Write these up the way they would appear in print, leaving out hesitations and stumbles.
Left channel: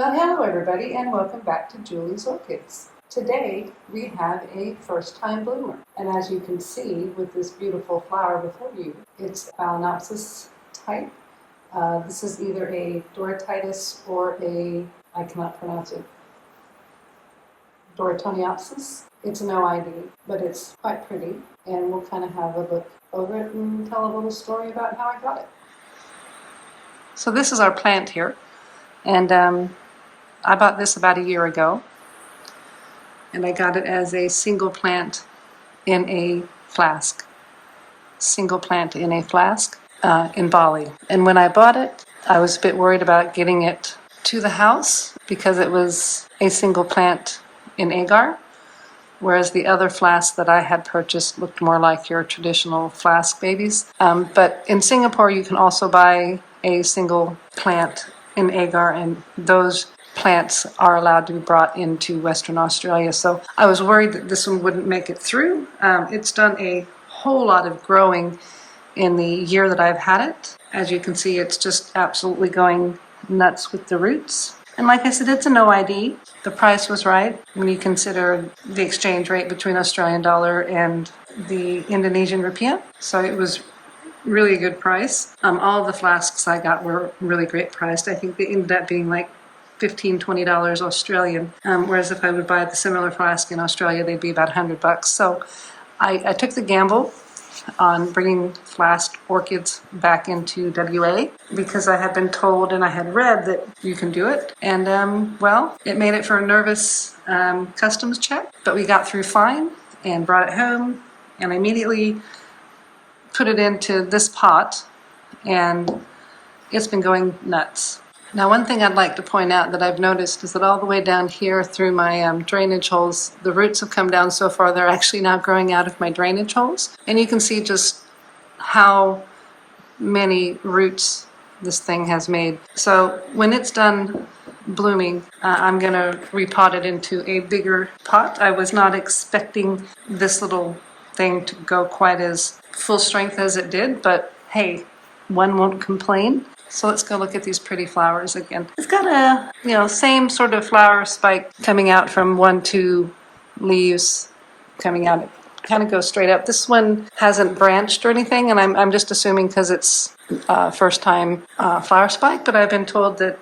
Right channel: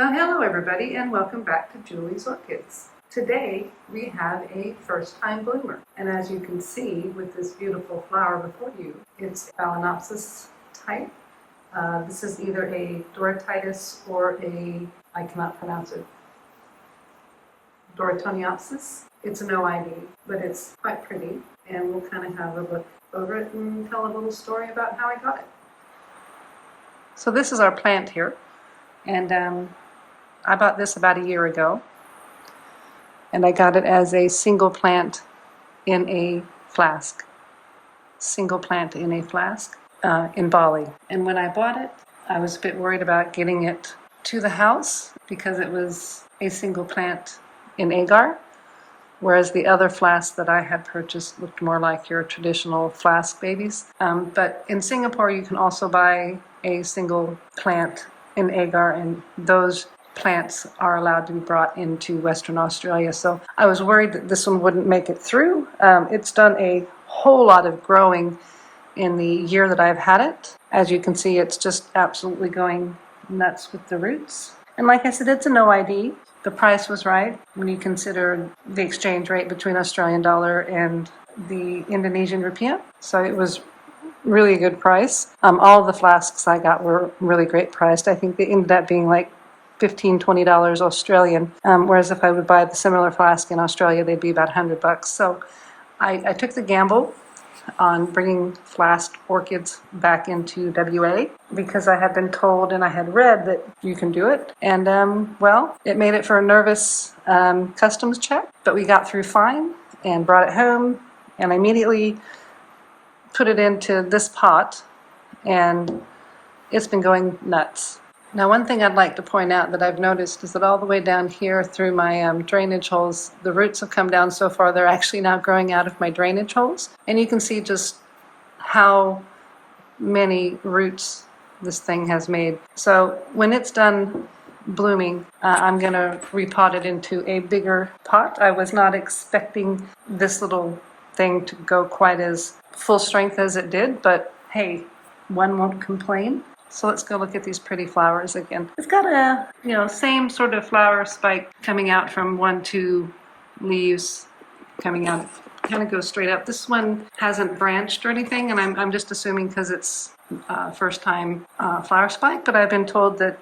Well, hello everybody and welcome back to Julie's Orchids. Today we have a first-time bloomer, and as you can see with this beautiful flower before you, it's Phalaenopsis type. This is either a Doritis or I cannot pronounce it, Doriteanopsis. It's an OID, but it's quite pretty, and we'll kind of have a look over it and tell a little story about how I got it. So this is our plant here, and I bought this about a year ago, and I got it as a single plant in a flask. Single plant in a flask in Bali. And when I bought it, I was a bit worried about getting it to the house because it was a single plant in agar, whereas the other flask that I had purchased looked more like your traditional flask babies. But in Singapore, you can also buy a single plant in agar, and those plants are allowed to be brought into Western Australia. So I was worried that this one wouldn't make it through. It's done a whole lot of growing in the year that I've had it. As you can see, it's just absolutely going nuts with the roots. And like I said, it's an OID. The price was right when you consider the exchange rate between Australian dollar and the Indonesian rupiah. So it was really a good price. All the flasks I got were really great priced. I think they ended up being like $15–20 Australian, whereas if I would buy the similar flask in Australia, they'd be about $100. So I took the gamble on bringing flask orchids back into WA because I had been told and I had read that you can do it. And well, it made it for a nervous customs check, but we got through fine and brought it home and I immediately put it into this pot, and it's been going nuts. Now, one thing I'd like to point out that I've noticed is that all the way down here through my drainage holes, the roots have come down so far they're actually now growing out of my drainage holes. And you can see just how many roots this thing has made. So when it's done blooming, I'm going to repot it into a bigger pot. I was not expecting this little thing to go quite as full strength as it did, but hey, one won't complain. So let's go look at these pretty flowers again. It's got a, same sort of flower spike coming out from 1-2 leaves coming out. It kind of goes straight up. This one hasn't branched or anything, and I'm just assuming because it's first time flower spike, but I've been told that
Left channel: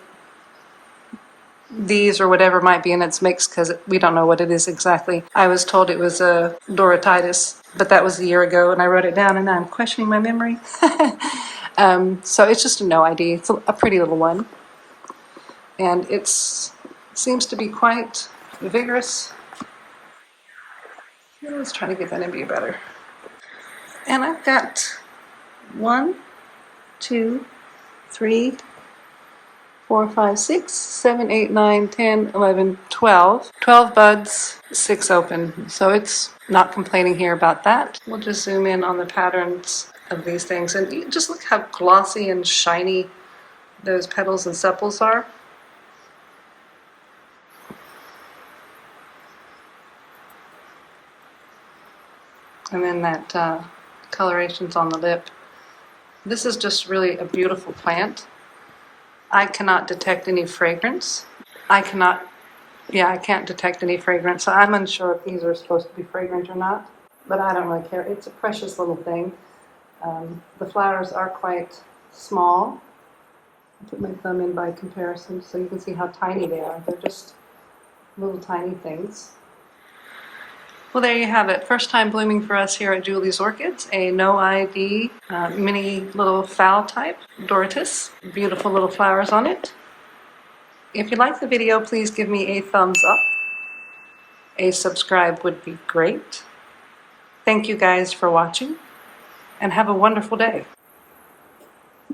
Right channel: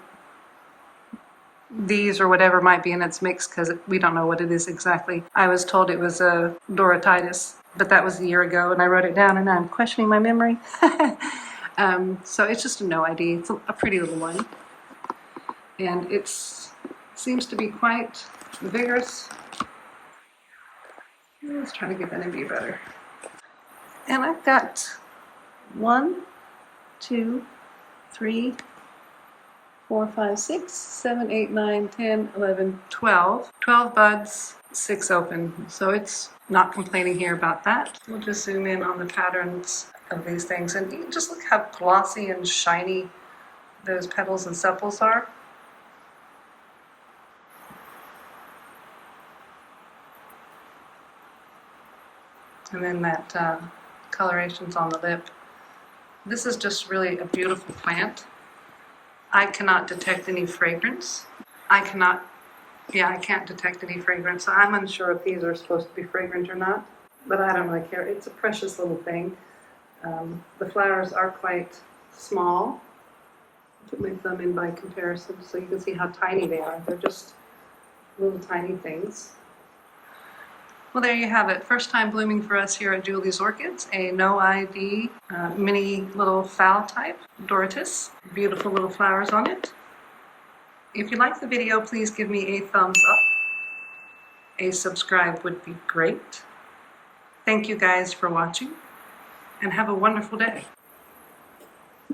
these or whatever might be in its mix because we don't know what it is exactly. I was told it was a Doritis, but that was a year ago, and I wrote it down, and I'm questioning my memory. So it's just a no ID. It's a pretty little one. And it seems to be quite vigorous. Let's try to get that in view better. And I've got 1, 2, 3, 4, 5, 6, 7, 8, 9, 10, 11, 12. 12 buds, 6 open. So it's not complaining here about that. We'll just zoom in on the patterns of these things, and you just look how glossy and shiny those petals and sepals are. And then that coloration's on the lip. This is just really a beautiful plant. I cannot detect any fragrance. I can't detect any fragrance. So I'm unsure if these are supposed to be fragrant or not, but I don't really care. It's a precious little thing. The flowers are quite small. I'll put my thumb in by comparison so you can see how tiny they are. They're just little tiny things. Well, there you have it. First time blooming for us here at Julie's Orchids. A no ID mini little phal type Doritis. Beautiful little flowers on it. If you like the video, please give me a thumbs up. A subscribe would be great. Thank you guys for watching, and have a wonderful day.